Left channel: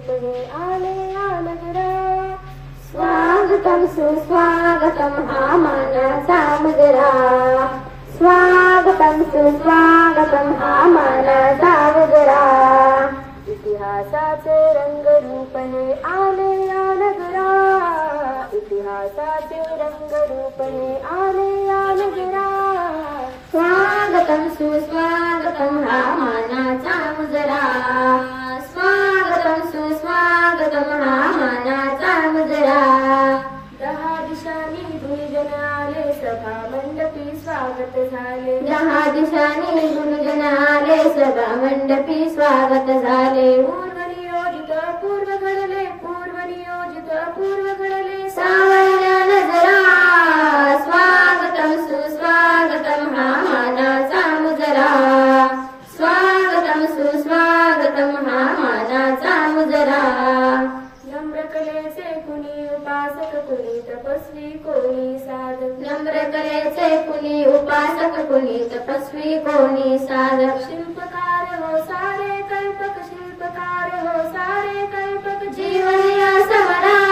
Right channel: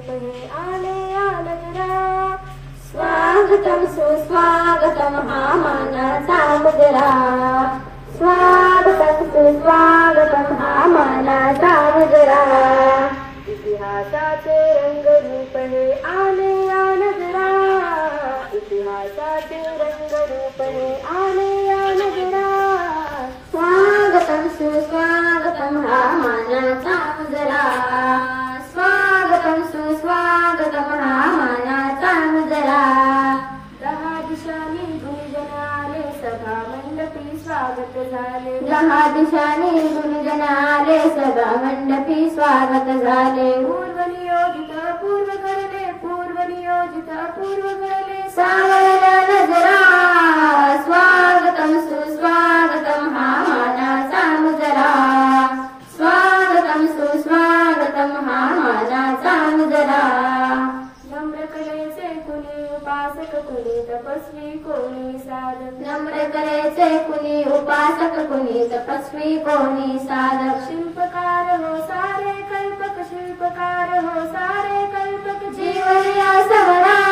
रूप हे आले या नगरा. स्वागतम सुस्वागतम हा मानाचा मुजरा. स्वागतम सुस्वागतम हा मानाचा मुजरा. इतिहासाचे रंगरूप हे आले या नगरा. इतिहासाचे रंगरूप हे आले या नगरा. स्वागतम सुस्वागतम हा मानाचा मुजरा. स्वागतम सुस्वागतम हा मानाचा मुजरा. दहा दिशांनी गुंजन आले सभा मंडपी स्वागत झाले. दहा दिशांनी गुंजन आले सभा मंडपी स्वागत झाले. पूर्व नियोजित पूर्व घडले. पूर्व नियोजित पूर्व घडले. सावरल्या नजरा. स्वागतम सुस्वागतम हा मानाचा मुजरा. स्वागतम सुस्वागतम हा मानाचा मुजरा. नम्र कलेचे कुणी उपासक कुणी तपस्वी कोणी साधक. नम्र कलेचे कुणी उपासक कुणी तपस्वी कोणी साधक. शिल्पकार हो सारे कल्पक. शिल्पकार हो सारे कल्पक. जीवन या सवरा.